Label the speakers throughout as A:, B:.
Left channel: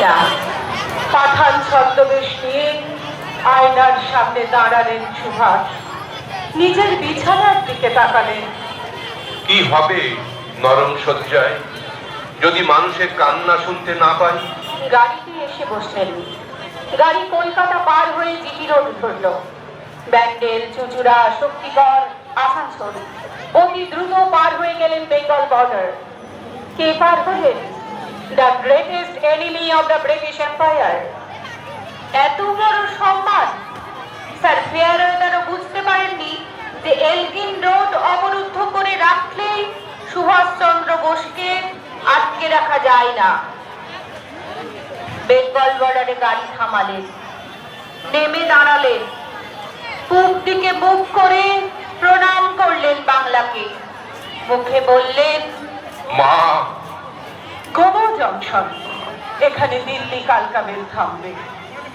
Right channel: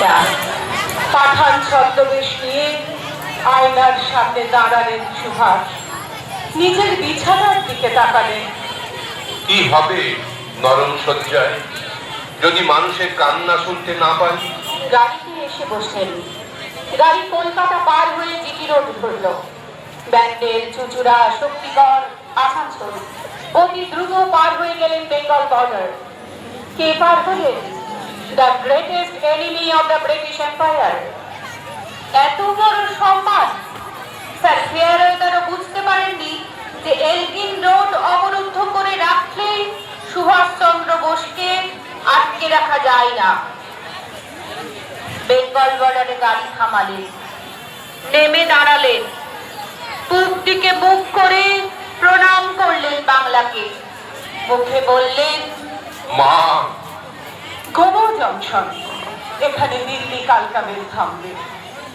A: না
B: পাঠান ছদ্মবেশ নিয়ে আয়নার সামনে দাঁড়ালেন সুভাষ। নিজের বিছানার দিকে তাকালেন।
C: কি হবে নরম শয্যায়? যদি মানুষের কান্না শুনতে না পাই?
A: গাড়িতে এসে বসলেন। গাড়ি কলকাতা পার হয়ে জিটি রোড ধরল। ব্যান্ডেল চুচুড়া শক্তিগড় আসানসোল। অতি দ্রুত পার হয়ে গেলেন বেঙ্গল বর্ডার। কে পার হলেন? The greatest enemy of the British empire এত বড় সম্মান। স্যার ফেয়ারের যেন বুঝতে পারেননি যে এলগিন রোড অবরুদ্ধ করে রাখলেই সুভাষচন্দ্র বোসকে আটকে রাখা যায় না। বেঙ্গল বর্ডারে গাড়ি থামালেন। নেমে দাঁড়ালেন। পূব দিকে মুখ করে প্রণাম করলেন বাংলাকে। মুখে বললেন
B: জংশন। এখানে দিল্লি কালকা মেল থামবে।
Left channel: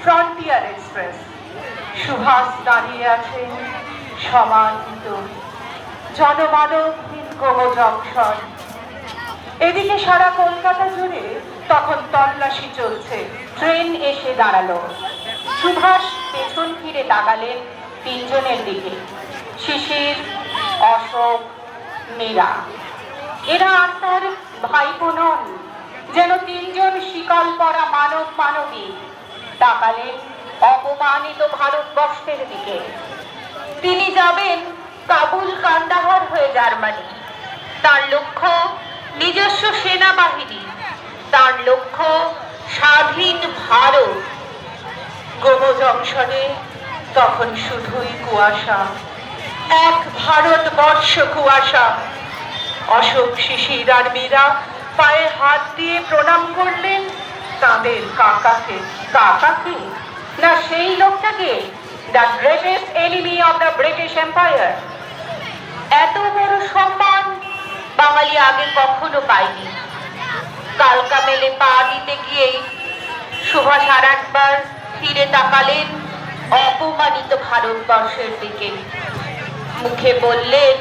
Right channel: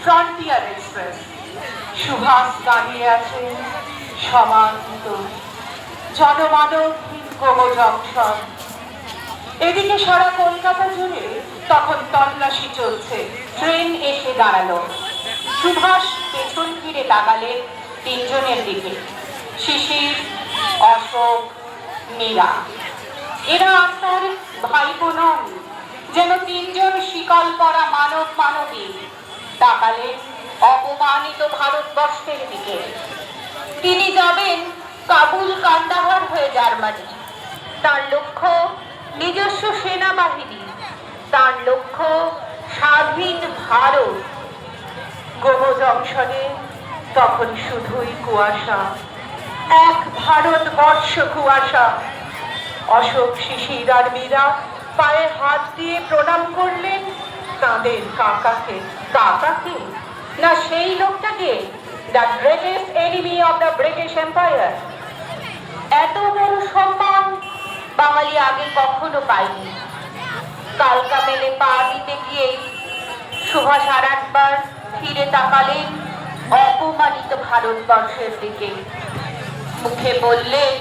B: Frontier express. সুভাষ দাঁড়িয়ে আছেন সমাহিত জনমানবহীন গোমো জংশন। এদিকে সারা কলকাতা জুড়ে তখন তল্লাশি চলছে। ট্রেন এসে দাঁড়াল। সুভাষ পেছন ফিরে তাকালেন তিনজনের দিকে। শিশির, অশোক, মীরা। এরা আর তার ভাইপো নন। যেন তিনজন শিকল পরা মানব মানবী তাকালেন অপমানিত ভারতবর্ষের দিকে। তিনি যাবেন কাবুল কান্দাহার হয়ে জার্মানি। তার লক্ষ্য নিজস্ব সেনাবাহিনী। তার লক্ষ্য স্বাধীন ভারত। গ্রহ জংশনে তখন শুধুই কুয়াশা। এক ভারতবর্ষ কুয়াশা। অশোক শিশির আর মীরা পায়ে হাত দিয়ে প্রণাম করলেন, তাদের কাকাকে কাকাকে? না সেই লোকটাকে? The greatest enemy of the British empire এত বড় সম্মান বাঙালি আগে কখনো পায়নি। কালকা মেলে পা দিতে গিয়েই সুভাষ আর একবার ফিরে তাকালেন অপমানিত ভারতবর্ষের দিকে। মুখে বললেন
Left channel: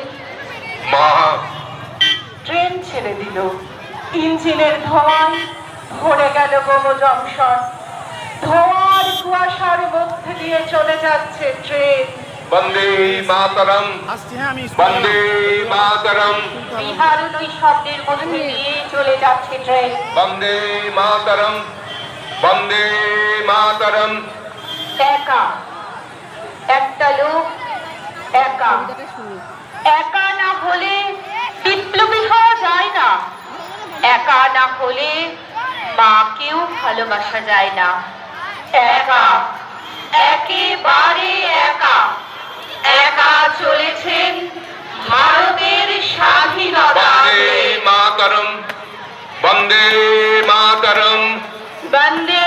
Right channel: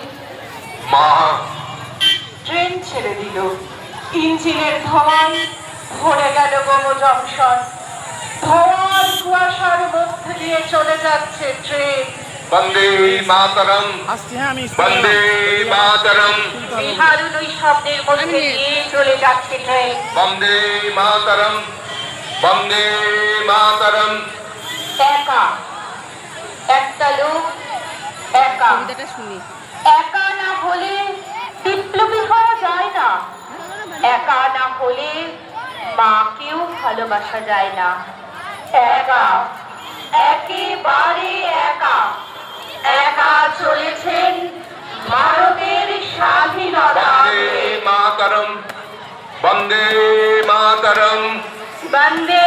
B: ইঞ্জিনের ধোঁয়ায় ভরে গেল গোমো জংশন ধোঁয়ার কুয়াশার মধ্যে দিয়ে চলে যাচ্ছে ট্রেন।
C: বন্দে মাতরম। বন্দে মাতরম।
A: বিহারুন ওই শব্দের মধ্যে দিয়ে চলে যাচ্ছে ট্রেন।
C: বন্দে মাতরম। বন্দে মাতরম।
A: একা। একটা লোক একা।
D: কবিতাটা শুনি।
A: একা না হলে হলে মাকেও ভালোবাসা যায় না। একা একেবারে একা। একা চলেছেন মানবের স্বাধীনতা
C: বন্দে মাতরম বন্দে মাতরম।
A: বন্দে